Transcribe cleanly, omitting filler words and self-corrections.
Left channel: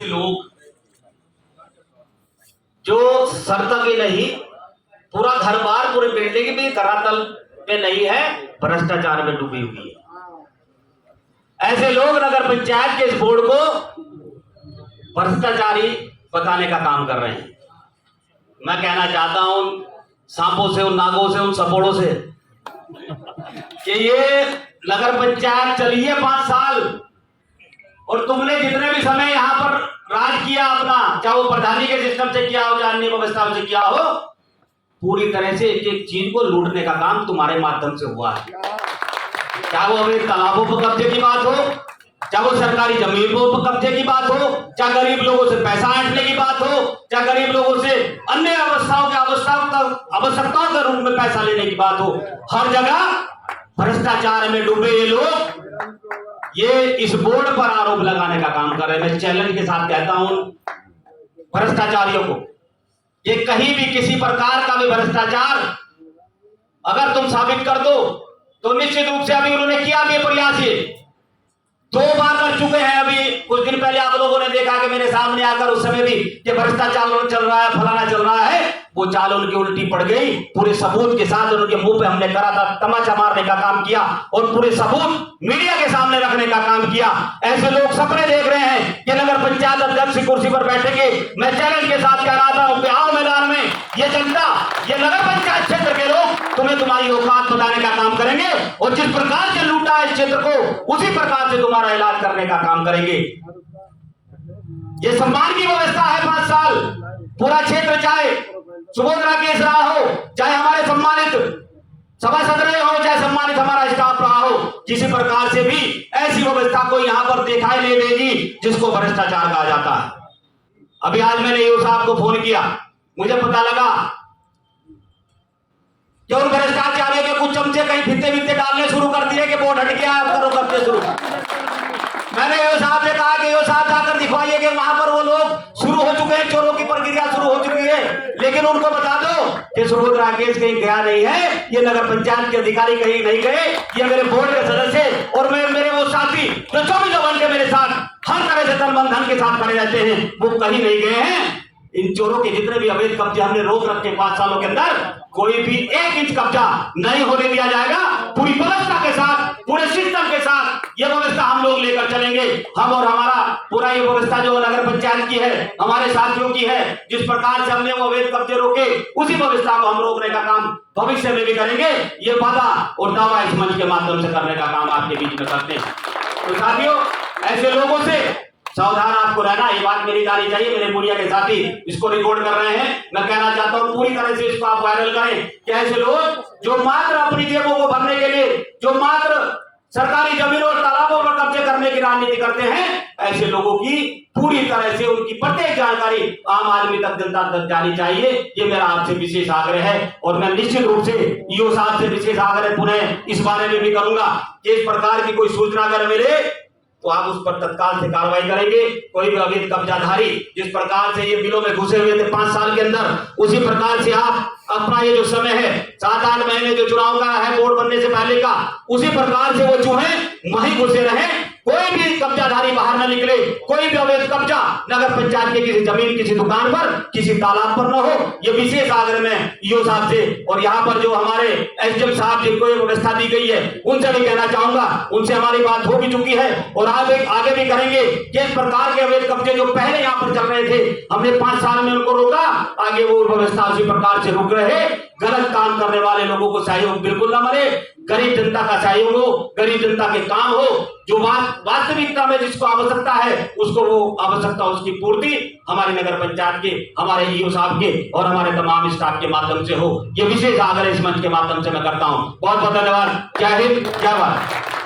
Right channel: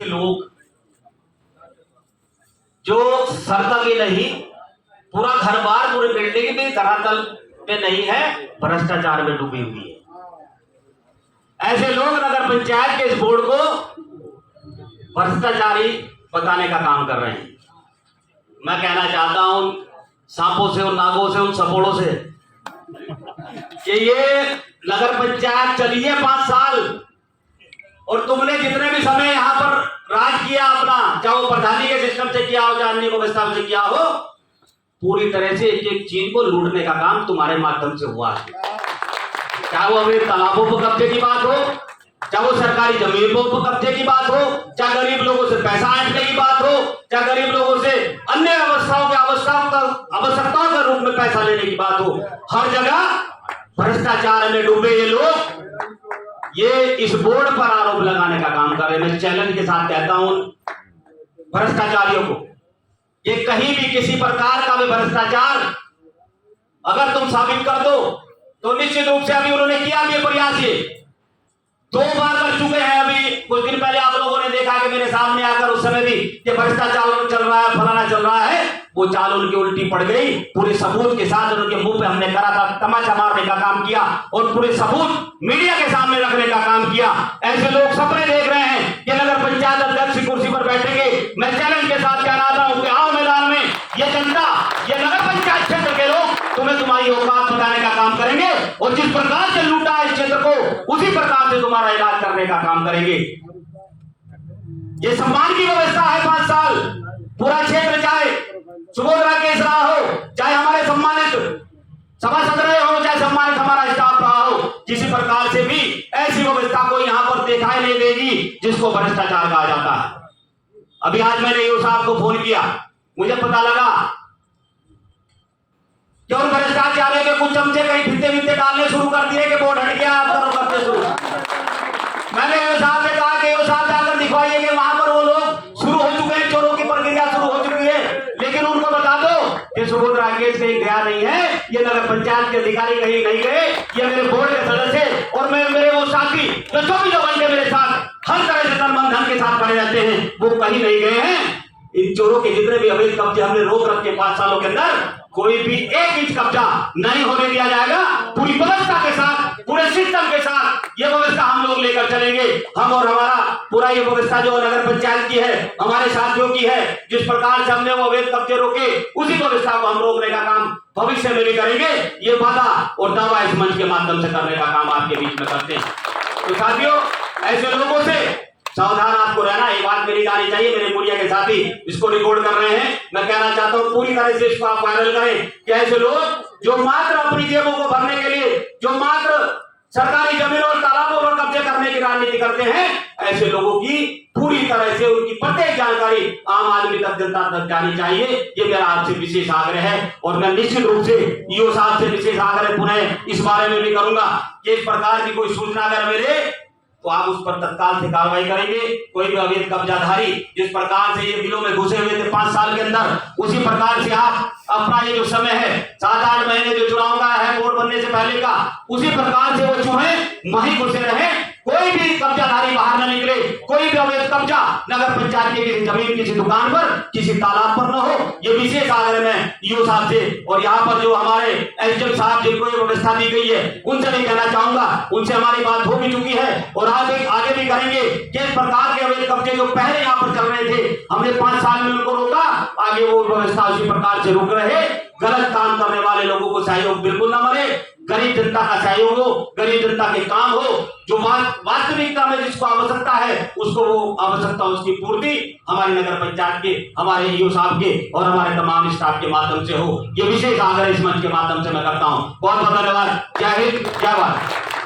लोग जो सड़क भी नहीं, पूरा घर बार पूरे बिल्डिंग भी धरातल पे नहीं है, भ्रष्टाचार में डूबी हुई है। ऐसे लोग नगर पंचायत के इस बोर्ड को भ्रष्टाचारी बताने का काम कर रहे हैं। मैं कहना चाहता हूं सांपों से, उन नागों से, उन सपोड़ों से कि ये नगर पंचायत चली है 5 साल और तुमने जितने भी समय यहां पर राज किया अपना, चाहे वो प्रधानी के सिस्टम से किया हो, चाहे अन्य व्यवस्था से किया हो, पूरी तरह से एक एक चीज को लूटने का काम तुम्हारे माध्यम से हुआ है। चाहे वो अभी तालाबों पर कब्जे की बात हो, चाहे वो सरकारी जमीनों पर कब्जे की बात हो, चाहे गरीब लोगों से पैसा ऐंठने की बात हो, चाहे गरीब लोगों से अन्य आवश्यकताओं के रूप में पैसा लेने की बात हो, हर जगह भ्रष्टाचार में डूबे ये लोग ये इस बोर्ड पर आरोप लगाने का काम कर रहे हैं। मैं चैलेंज के साथ कहता हूं भ्रष्टाचारियों को, ये कहीं भी किसी प्रकार का भी भ्रष्टाचार अगर तुम साबित कर दो तो निश्चित रूप से अभी उन्होंने किया भी प्रयास, ये 2 बार कर चुके हैं। अभी कुछ दिन पहले आप लोगों ने देखा कि मेरे सामने आकर उस समय भी कि भ्रष्टाचार चल रहा है, फलाना चल रहा है, वो चाल उनकी उल्टी पड़ गई। पूरे सबूत के साथ उनके मुंह पे हमने करा था तमाचा मारने का काम किया और पूरे सबूत मीडिया के सामने रखने का काम किया। ऐसे लोग सपने देख रहे हैं कि नगर पंचायत अध्यक्ष की कुर्सी पर बैठेंगे। मैं चैलेंज के साथ कह रहा हूं कि आओ मैदान में, ये जनता, ये नगर पंचायत क्षेत्र के लोग तुम्हें तुम्हारी औकात बताने का काम करेंगे और जिस प्रकार से लूटा है इस क्षेत्र को उसी प्रकार से तुम्हारा इलाज करने का काम करेंगे। ये सम्मान की व्यवस्था है 5 साल, पूरा क्षेत्र चाहे सुबोधरा केस रहा हो, चाहे हमारे सम्मानित सभासद रहे हो, चाहे सम्मानित हमारा स्टाफ रहा हो, किसी प्रकार से भी ऐसी व्यवस्था को यहां पर दिखाई नहीं देगी जिसको भ्रष्टाचार कहा जाता है। अभी आज मैंने ईओ साहब को फोन किया, मुझे पता लगा कि उन भ्रष्टाचारियों के कुछ चमचे कहीं फिते डालने शुरू कर दिए कि बोर्ड हट गया, आप करो करते शुरू। मैंने ईओ साहब से कहा कि ईओ साहब जाकर दिखवाइए कि वहां पर वो लोग शुरू हो चुके हैं, चोरों की प्रक्रिया शुरू हो चुकी है, लेकिन उनको बता दो कि सुबोधरा केस कहीं गया नहीं है, ये नगर पंचायत के अधिकारी कहीं नहीं गए, ये मेरे बोर्ड के सदस्य और मेरे वो साथी जो 24 घंटे मेरे साथ हर तरह से तन मन धन के साथ खड़े रहते हैं, वो कहीं नहीं गए हैं। इन चोरों के जितने भी अवैध कब्जे हमने रोक रखे 5 सालों के अंदर, कोई भी 1 इंच कब्जा नहीं होने दिया जाएगा। पूरी व्यवस्था के साथ, पूरे सिस्टम के साथ ये व्यवस्था हम लोग लेकर चलेंगे। हम और हमारा पूरा ये व्यवस्था जो नगर पंचायत की है, हमारे साथियों की है, जिस प्रकार से हमने वो अवैध कब्जे रोके उसी व्यवस्था को हम रोकने का काम भविष्य में भी करेंगे। ये वादा और दावा इस मंच के माध्यम से करने का काम आपके बीच में करते हैं। तो साथियों, ऐसे लोगों से सावधान आपको रहना, ये बात मेरी जानी चाहिए। मेरे मीडिया के साथी इसको रिकॉर्ड कर रहे हैं, मैं कहना चाहता हूं पूरी तरह से इसको आप वायरल करें कि ऐसे लोग जो मात्र अपनी जेबों को भरने के लिए, जो मात्र सरकारी जमीनों और तालाबों पर कब्जे करने की राजनीति करते हैं, ऐसे लोगों की पूरी तरह से उनकी प्रत्येक जानकारी आम आदमी तक, जनता तक जानी चाहिए। ये मेरा आपसे विशेष आग्रह है और मैं निश्चित रूप से ईओ साहब से विशेष आग्रह पुनः इस बारे में भी करूंगा कि इस प्रकार की कोई सूचना अगर मिले तो आप उस पर तत्काल से कार्रवाई करेंगे। कोई भी अवैध कब्जाधारी जिस प्रकार से ये बिलों में घुसे हुए थे 5 साल के अंदर, उसी प्रकार से आप अपना ये जो समय है 7-8 महीने जो चुनाव का है बोर्ड बनने से पहले का, उसी प्रकार से वो चूहे वहीं घुसे रहे, कोई भी कब्जाधारी बाहर न निकले, कोई भी अवैध कब्जा नगर पंचायत की किसी जमीन, किसी दुकान पर, किसी तालाब पर न हो। ये विशेष आग्रह में ईओ साहब से और यहाँ पर जो हमारे एसडीएम साहब जिनको ये व्यवस्था दी गई है उनसे भी कहना चाहूंगा, उनसे हमारी बात हो भी चुकी है और आगे भी करेंगे कि इस प्रकार के अवैध कब्जे जो पहले यहाँ पर चल रहे थे, हमने 5 साल में उनको रोका, आगे वो व्यवस्था उसी प्रकार से रुक रहे। गलत काम करने वाले लोगों को सहयोग बिल्कुल न मिले, गरीब जनता का सहयोग हो, गरीब जनता के काम हो, जो वास्तविकता में जिसको आवश्यकता है उसको वो आवश्यकता, उसकी पूर्ति हमारी नगर पंचायत के, हमारे ईओ साहब के और हमारे तमाम स्टाफ के माध्यम से हो। ये विशेष आग्रह इस मंच के माध्यम से मैं करता हूं। बहुत बहुत धन्यवाद। जय हिंद, जय भारत।